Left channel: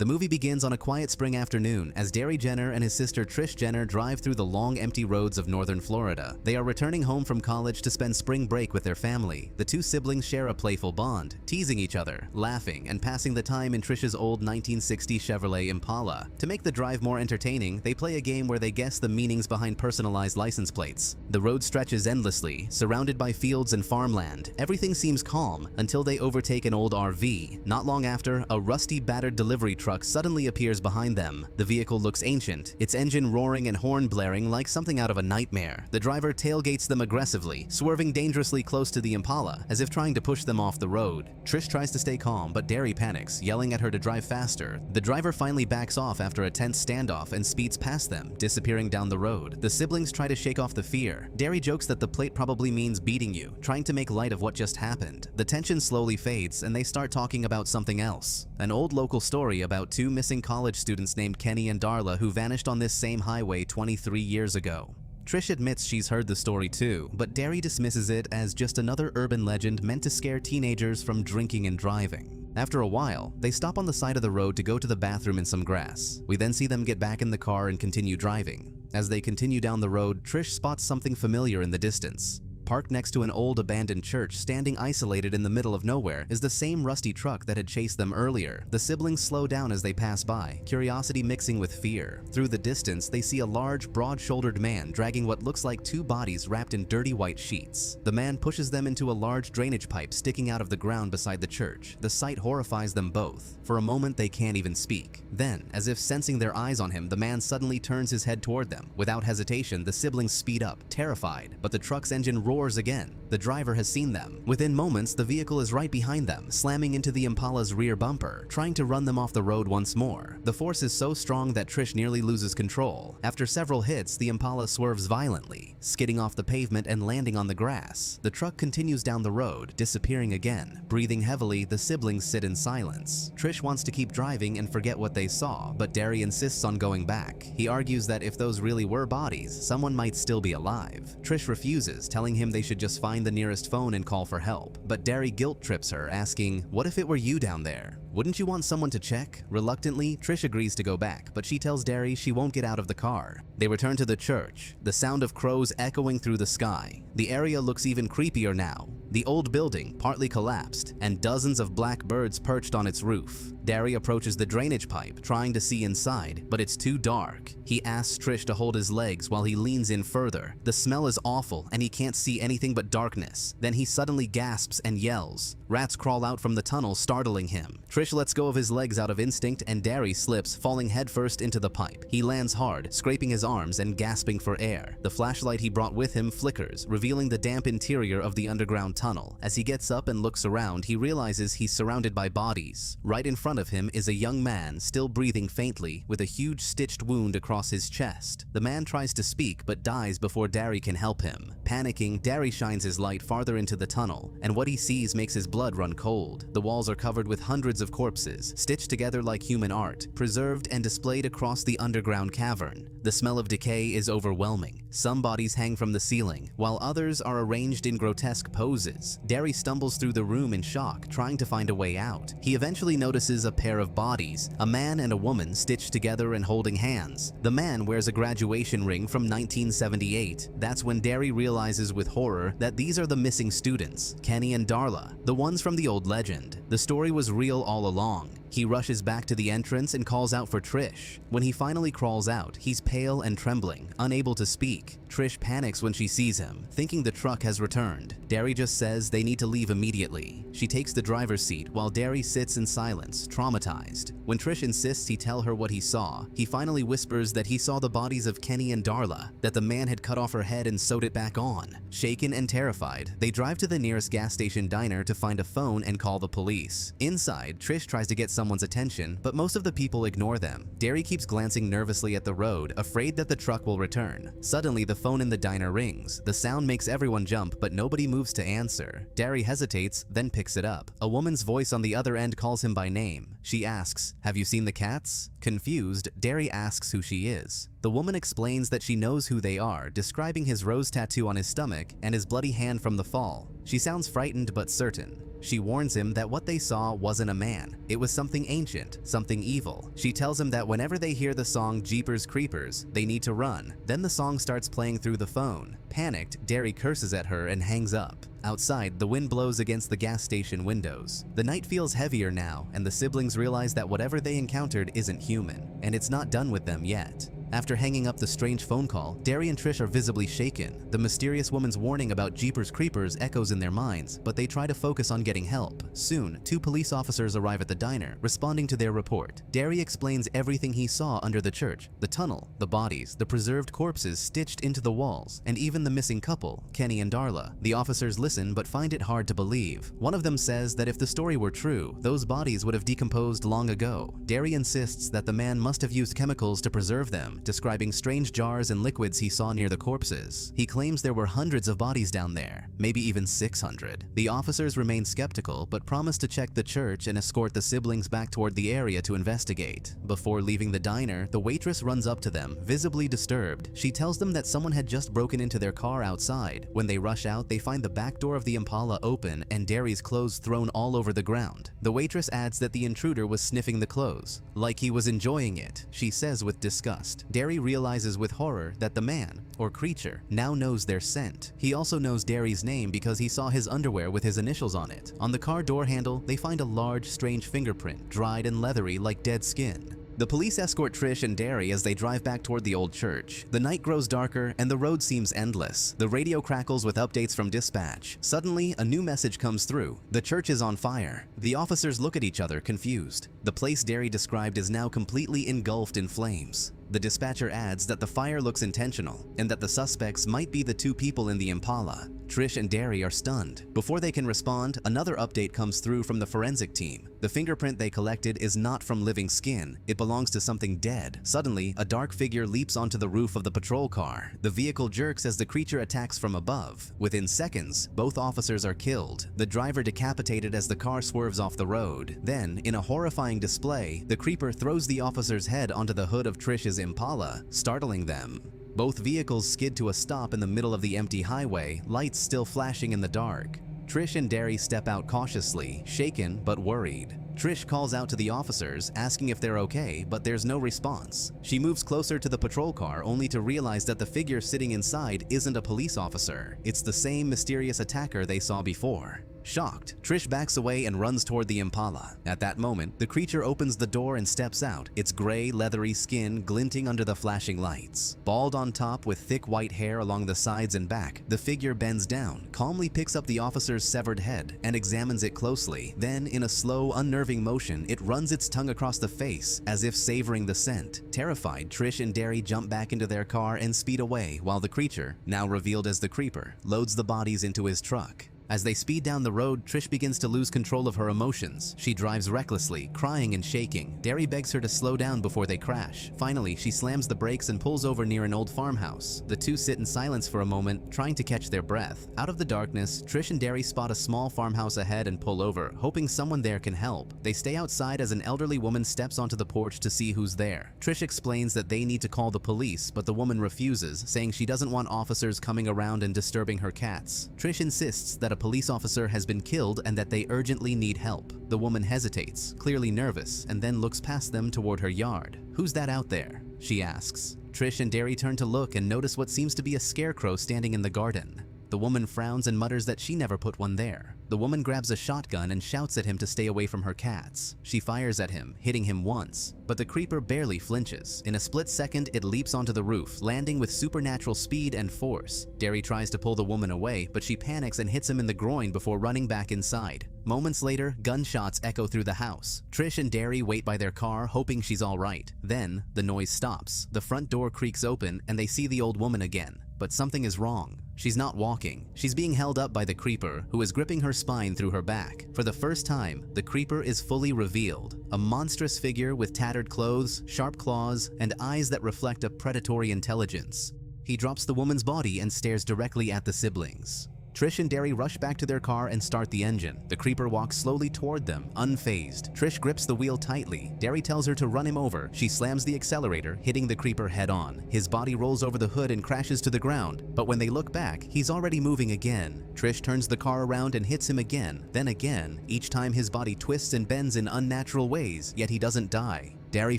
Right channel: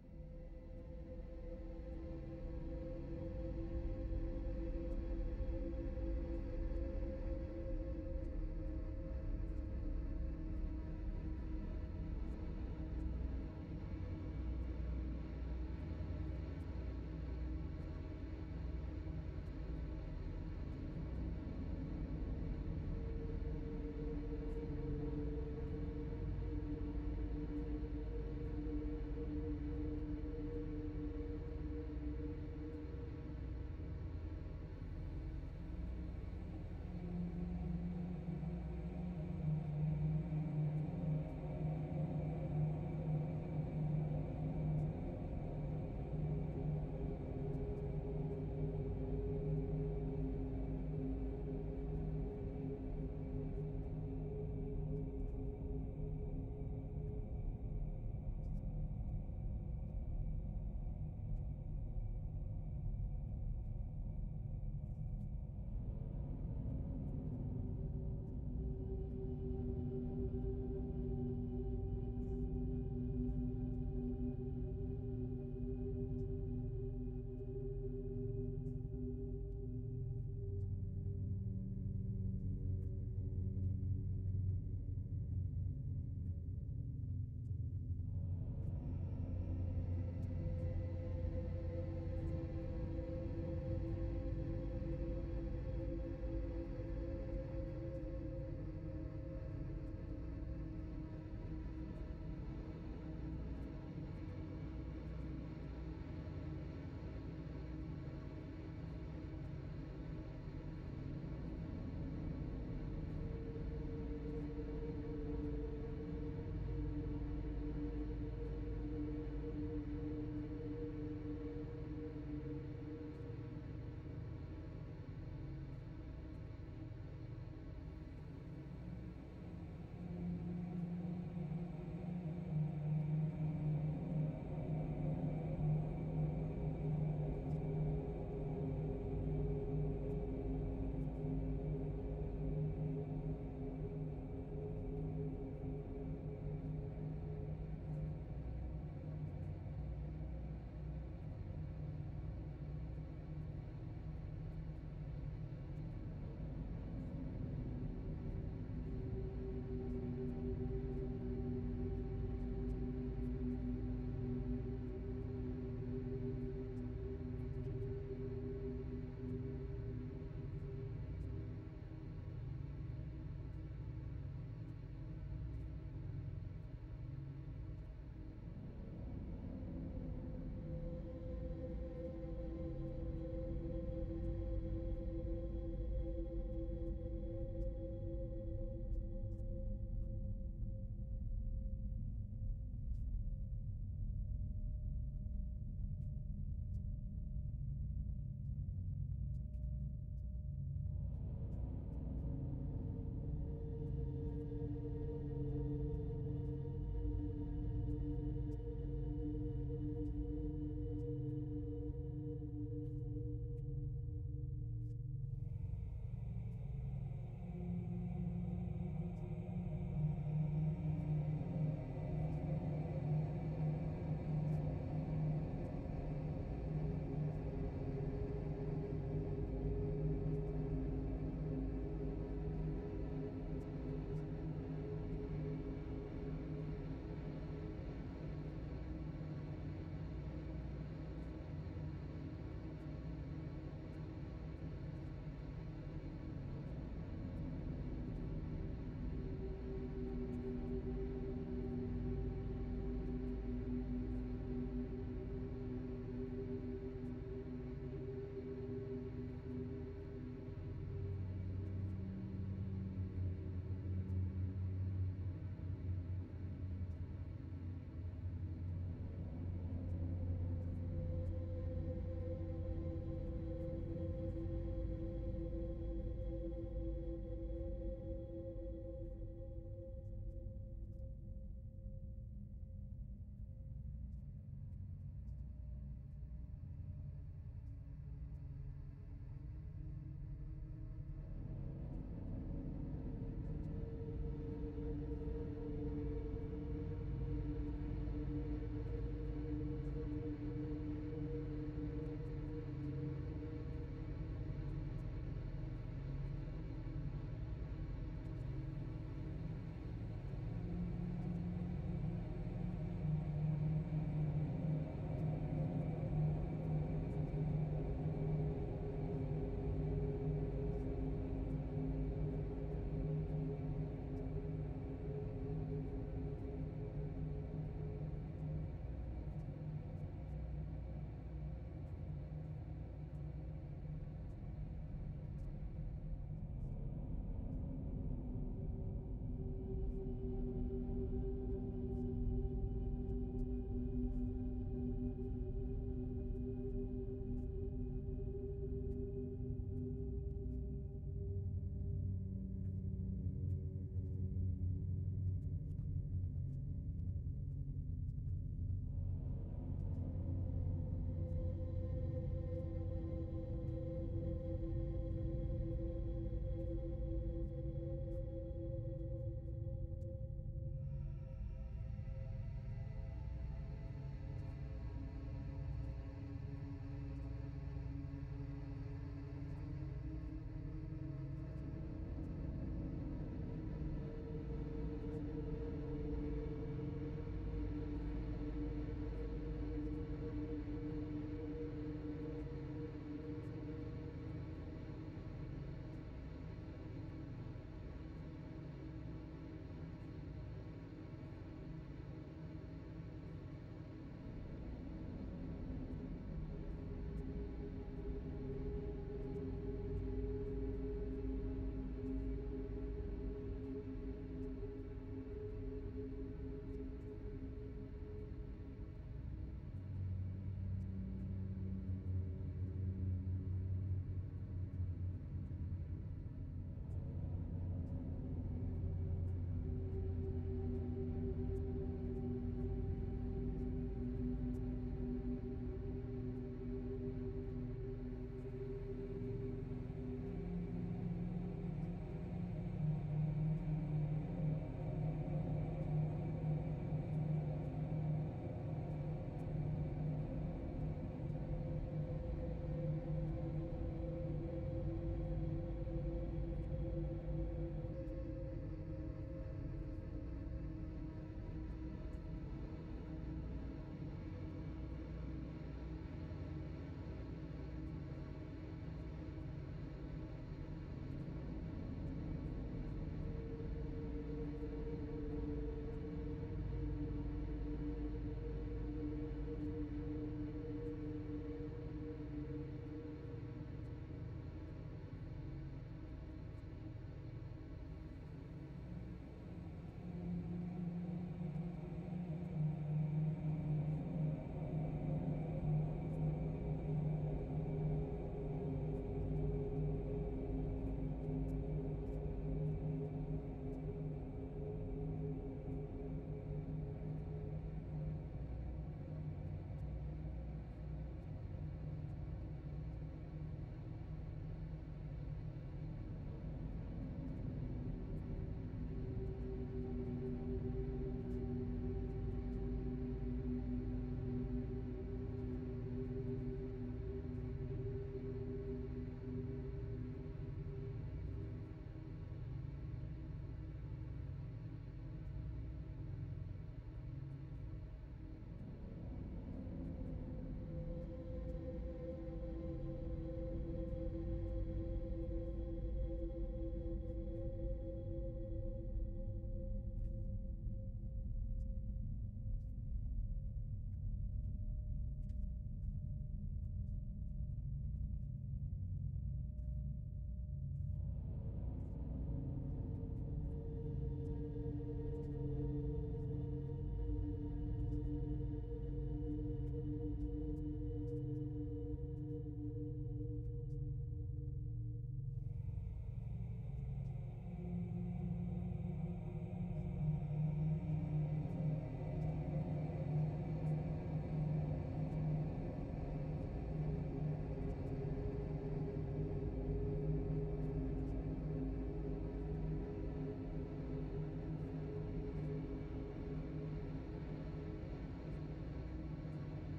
The movie begins on a quiet spring afternoon as Derry Jenner and his sister Trish Jenner drive through the long, empty roads of northern Florida. They are returning home from college to spend spring break with their family. The two siblings share a playful bond, teasing each other, laughing, and passing the time in Trish's old 1960 Chevrolet Impala. To make the drive more entertaining, they play a game where they guess the meanings behind personalized license plates. The road stretches endlessly, surrounded by fields and farmland. Everything seems calm until they overtake an old RV. Not long after, a rusty, battered delivery truck suddenly appears behind them. The vehicle looks ancient, its engine roaring and horn blaring like something out of a nightmare. The driver tailgates them aggressively, swerving dangerously close to the Impala, as if trying to push them off the road. Trish tries to stay calm, but Derry panics, yelling at her to drive faster. The driver finally backs off after a tense standoff and speeds past them, disappearing down the road. The siblings try to shake off the fear. Derry jokes that the plate probably means beating you, trying to make light of what just happened. The tension slowly fades, and they start talking about something else. An old local story about two missing college students named Kenny and Darla who vanished on this same highway 23 years ago. Trish admits she's heard the story too, but Derry dismisses it as just another urban legend meant to scare teenagers from drinking and driving. After a while, they stop on the side of the road to go to the bathroom in some grass. We then see them get back in the car and continue driving. As they continue down the road, Trish spots something familiar in the distance. Parked next to an old abandoned church standing isolated in the middle of nowhere is the same rusty truck that had chased them earlier. The siblings slow down as they pass by, curiosity mixing with fear. Through the distance, they see a large, broad-shouldered man dragging what looks like two bodies wrapped in dirty white sheets. The man pushes them into a large drainage pipe sticking out of the ground beside the church. The sight horrifies them both. For a moment, they can't even speak. Then, as if sensing their eyes on him, the man suddenly turns his head toward them. Without hesitation, the siblings speed up, terrified, but the truck's engine roars again. The driver has seen them. Within moments, the vehicle is right behind them, slamming into the Impala's rear bumper, trying to run them off the road once more. The force is so strong that Trish nearly loses control. After several hits, the Impala swerves violently, skidding off the pavement and landing on the grass. The truck continues down the road, disappearing again. Breathing heavily, the siblings sit in silence. Trish wants to keep driving and forget what they saw, but Derry insists on going back. He argues that if those really were bodies, someone might still be alive. Trish refuses, telling him they should just find the nearest phone and call for help. But Derry guilt trips her, asking, "What if it were you down there? Wouldn't you want someone to check?" Reluctantly, Trish agrees to go back, but she tells Derry she won't get out of the car. They return to the church, the sound of crows echoing through the sky. The area looks even creepier now. The old building partly collapsed, and dozens of black birds perched on its roof. Derry approaches the drainage pipe, trying to see inside, but it's too dark. He asks Trish to hold his legs while he leans in further. The smell is awful, and he can't see anything but darkness. Then he suddenly gasps and yells. Rats crawl out from the tunnel, startling him. Trish lets go of his legs out of instinct, and Derry slips, falling headfirst into the pipe. He lands hard, scraping his arms and gasping for air. The flashlight he brought with him flickers, revealing the damp interior of the underground tunnel. As he gets up and looks around, he realizes he's surrounded by bodies. Right in front of him is a young man, still breathing faintly, with a huge stitched wound across his chest. The man tries to speak, but dies before Derry can help him. Panicking, Derry shines his light farther into the tunnel, and what he sees makes his blood run cold. The walls are covered with hundreds of corpses, stitched together like human art, preserved and displayed across the underground cavern. The smell of decay is overwhelming. Some bodies hang from the ceiling, while others are arranged in grotesque poses. Derry stumbles through the room in shock, trying to find a way out. He eventually notices a pair of bodies, a man and a woman stitched together and holding hands. The man wears a graduation ring from 1978. That's when Derry realizes with horror that these are the missing students, Kenny and Darla, the ones from the old legend. The story was real all along. He rushes back to the entrance and calls out for Trish. When he finally crawls out, he's pale and trembling, unable to speak. Trish panics when she sees him, thinking the truck has returned. Derry just says they need to leave immediately. She takes the driver's seat while Derry sits in silence, traumatized. When Trish insists he tell her what he saw, he finally whispers that he saw the bodies of Kenny and Darla, that the man had cut off her head and sewed it back on. Shaken and terrified, they drive to the nearest gas station diner to find a phone and call the police. Inside, Trish tries to get someone's attention, but most of the people ignore them. Derry keeps glancing nervously at the road, afraid that the truck will return. Suddenly, the phone in the diner rings. The sound makes everyone jump, but nobody moves to answer. Derry hesitates, then picks it up. A woman's voice on the other end calls him by name. She asks, "Have you seen the cats?" Confused, Derry asks who she is. The woman explains that she knows who they are, describing his rose tattoo on his stomach and his bloody hand from the fall. She sounds frightened but certain. She warns him that what they saw wasn't a man. It was something ancient, something evil. She tells him that whenever they hear the song Jeepers Creepers, they need to run. Then the song starts playing through the phone. Panicked, Derry curses at her and hangs up. Outside, the wind blows against the gas station windows. The night feels heavier now, and the siblings realize that whatever they encountered isn't human, and it's not done with them yet. After hanging up the strange phone call, Derry and Trish are visibly shaken. The mysterious woman's warning about Jeepers Creepers echoes in their minds, but they try to focus on getting help. Soon, 2 police officers arrive at the diner, responding to their report. Derry explains everything he saw under the church: the tunnel, the bodies, the preserved corpses stitched into the walls, and even the missing couple, Kenny and Darla. The officers listen but find it hard to believe. One of them says that if the story were true, those bodies would have decomposed long ago. Derry insists that the man must have used chemicals to preserve them, describing strange jars and liquids he saw near the corpses. He claims there were hundreds of bodies down there, maybe even 600. The officers remain skeptical but promise to check the church and escort the siblings back toward the area to investigate. Before leaving the diner, the waitress runs up to them, visibly disturbed. She tells them that someone had just broken into their car outside. When they rush out, they find the back door of the Impala open and Derry's clothes thrown all over the ground. The waitress adds that the intruder was sniffing the clothes, like he was enjoying it, she says with disgust. Derry realizes with horror that the man, or creature, now knows their scent. He also knows Derry's name because he saw his underwear with his initials on it. On the car door handle, they find a large, strange fingerprint, dried and leathery like dead skin. The police escort Trish and Derry as they drive back toward the old church. The night grows darker and the road seems endless. The radio crackles with updates from dispatch. Suddenly, a new message comes through. The church is on fire. The officers look at each other, confused. The place Derry described is now completely engulfed in flames. The dispatcher adds that the fire looks intentional and that the suspects might be the 2 people in the Impala. Trish and Derry are stunned. Before they can respond, another update comes through from the forensic team. The fingerprint they collected is not from living skin. It belongs to something dead. Suddenly, a dark figure leaps onto the roof of the patrol car. The vehicle jerks as the creature attacks from above. Within seconds, both officers are killed. The driver decapitated as the car swerves off the road. Then, in a horrifying display, the creeper throws the officer's head onto the hood of Trish's Impala, startling them. Both vehicles skid to a stop in the middle of the empty highway, lights still flashing in the dark. Trish and Derry step out cautiously, shaken but worried. Trish calls out to the officers, asking if they're okay, but there's no response. She moves closer to the patrol car, only to realize that the figure sitting inside isn't a police officer. It's the same mysterious attacker they saw before. Shocked, Trish backs away and runs toward the Impala. At that moment, the creature opens the door and steps out, its gray, leathery skin glinting under the flashing lights. Bald on top with thick white hair along the sides and back, the figure bends down, calmly picks up the officer's severed head, and examines it closely. Then, in a slow, unnerving motion, it runs its tongue across the face, as if savoring the scent. Terrified, Trish and Derry jump back into their car and speed away, while the creature, now revealed as the creeper, loads the bodies into his truck. As they speed down the road, Trish begins to lose control of her emotions. She drives recklessly, crying and shaking. Derry begs her to slow down before they crash. Finally, she slams the brakes and pulls over near an old farmhouse. The 2 sit in silence for a moment, trying to catch their breath. Out of the darkness, Trish and Derry spot a small farmhouse ahead and pull over, hoping someone there can help. They stay outside as an elderly woman steps onto the porch to see who's there. Trish explains that they need to call the police, but the woman refuses, saying she doesn't want officers coming around and disturbing her cats. Trish insists that a police officer has been killed and that they urgently need help. The woman hesitates, clearly nervous, and then looks past them toward her yard. "Who's that out there?" she asks. Trish and Derry turn to look and notice what seems to be a scarecrow standing in the garden. The woman frowns and mutters that she never put one there. The woman grabs a shotgun and shouts at him to stay away from her cats. She fires at him, hitting him once, but the creeper barely flinches. In a split second, it leaps onto the roof, landing with supernatural speed and force. Derry tries to pull the woman away, but she panics and hits him in the groin before running back inside. Moments later, gunshots echo through the house. Trish and Derry wait by their car, hoping she's all right. Then, the noise stops. The front door creaks open, and they see the old woman again. But something is wrong. She's not walking. She's being held up by the creeper, who is gripping her spine through her back. For the first time, the creeper is fully revealed. A monstrous figure with tattered clothes, sharp claws, and eyes that reflect a predatory intelligence. He drops the woman's body and stares directly at the siblings. Trish and Derry rush back to their car and start the engine. The creeper walks slowly toward them, unfazed. Trish grips the wheel tightly. Derry tells her to run him over. She slams the accelerator, hitting the creeper head-on. His body rolls over the hood and crashes to the ground, but when they look back, he's already moving again. Trish turns the car around and hits him again, then again. Each time his body twists and bends in unnatural ways, yet he doesn't die. Derry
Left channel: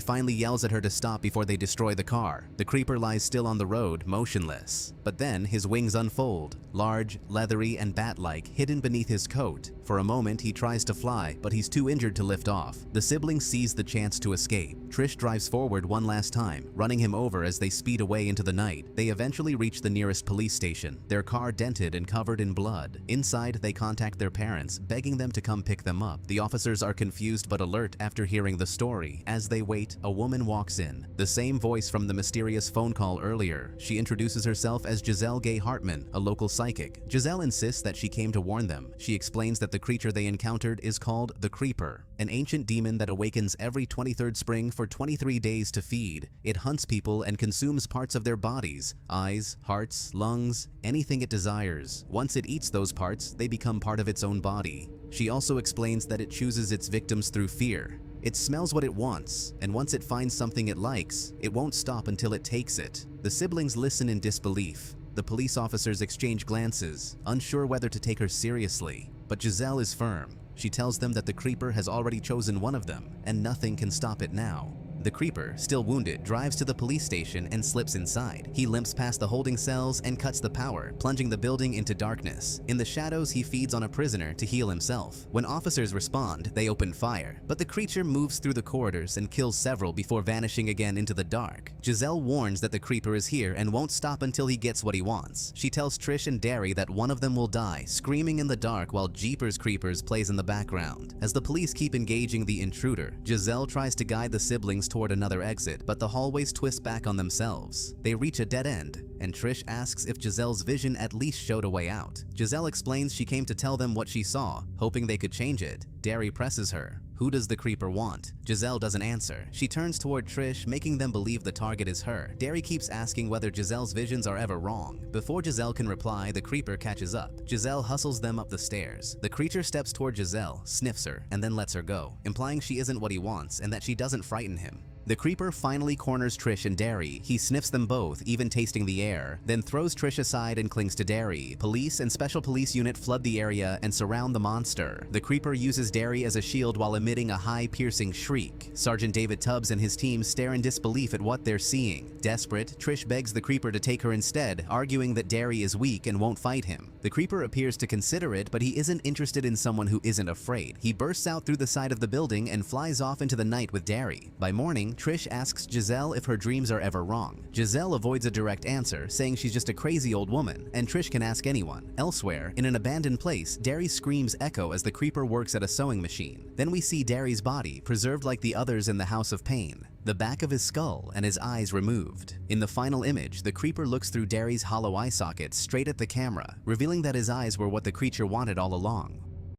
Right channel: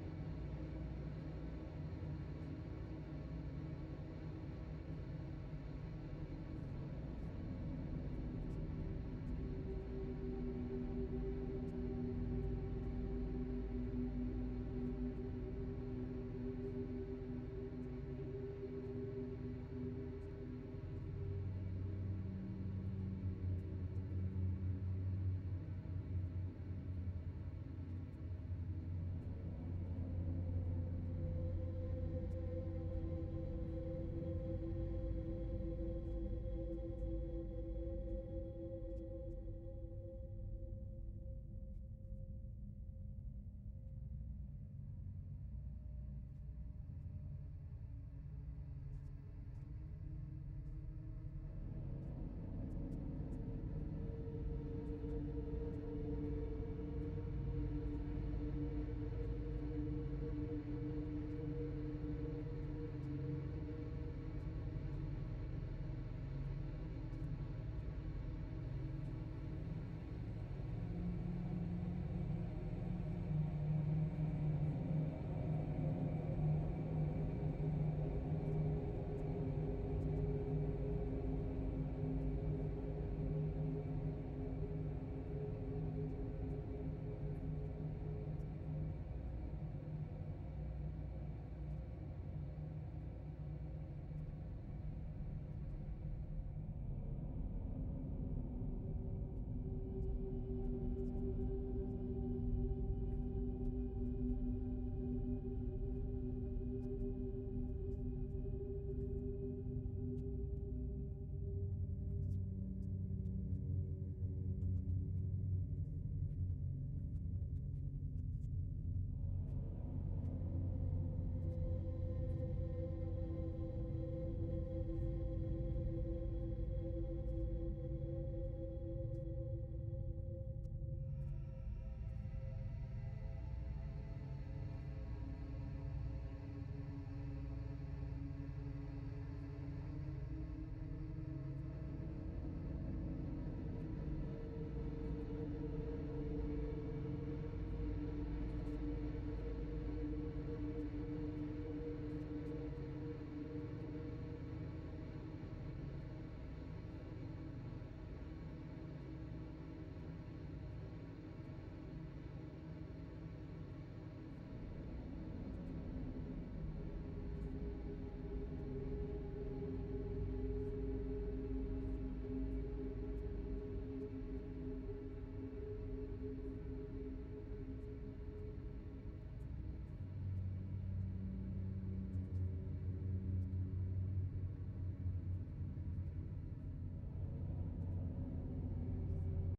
finally yells at her to stop before they destroy the car. The creeper lies still on the road, motionless. But then his wings unfold, large, leathery, and bat-like, hidden beneath his coat. For a moment, he tries to fly, but he's too injured to lift off. The siblings seize the chance to escape. Trish drives forward one last time, running him over as they speed away into the night. They eventually reach the nearest police station, their car dented and covered in blood. Inside, they contact their parents, begging them to come pick them up. The officers are confused but alert after hearing the story. As they wait, a woman walks in, the same voice from the mysterious phone call earlier. She introduces herself as Giselle Gay Hartman, a local psychic. Giselle insists that she came to warn them. She explains that the creature they encountered is called the Creeper, an ancient demon that awakens every 23rd spring for 23 days to feed. It hunts people and consumes parts of their bodies, eyes, hearts, lungs, anything it desires. Once it eats those parts, they become part of its own body. She also explains that it chooses its victims through fear. It smells what it wants, and once it finds something it likes, it won't stop until it takes it. The siblings listen in disbelief. The police officers exchange glances, unsure whether to take her seriously. But Giselle is firm. She tells them that the creeper has already chosen one of them, and nothing can stop it now. The creeper, still wounded, drives to the police station and slips inside. He limps past the holding cells and cuts the power, plunging the building into darkness. In the shadows, he feeds on a prisoner to heal himself. When officers respond, they open fire, but the creature moves through the corridors and kills several before vanishing again into the dark. Giselle warns that the creeper is here and won't stop until he gets what he wants. She tells Trish and Derry that one of them will die, screaming in the dark while Jeepers Creepers plays in the background. As the police keep engaging the intruder, Giselle tries to guide the siblings toward another exit, but the hallways twist back on themselves. They reach a dead end, and Trish asks if Giselle's vision at least showed a way out. Giselle explains she came to tell them what she saw, hoping they could change it. Derry presses her. Who does the creeper want? Giselle doesn't answer. She turns toward Trish, making them believe the target is her. Derry keeps asking whether Giselle's visions are ever wrong. Before Giselle can reply, the creeper catches up. Giselle hustles them up the stairs. The creature steps toward Giselle, sniffs her, and then lets her go, implying she isn't what he wants and that she doesn't frighten him. The creeper finally corners Trish and Derry. He sniffs them both, even tasting the air, then throws Trish aside and clings to Derry. Police and special police unit flood the area and surround the monster. The creeper uses Derry as a shield while emitting a high, piercing shriek. Sergeant David Tubbs and his team stare in disbelief at what they're seeing. Desperate, Trish begs the creeper to take her instead, arguing that Derry is weak and won't fight him. The creeper appears to consider it, but he isn't interested in someone who isn't afraid. He bursts out through the side of the building and flies off into the night with Derry. By morning, Trish asks Giselle if her dreams are ever wrong. Giselle avoids a direct answer, saying she's just a crazy old woman, and Trish can ask anyone. Elsewhere, in an abandoned place, Derry's screams echo as the creeper works at a sewing machine. Then we see Derry's body, preserved like the others in the House of Pain, the back of his skull and his eyes removed. In the final image, the creeper looks through Derry's hollow eye sockets straight at the camera, revealing that his eyes were what the creature wanted all along.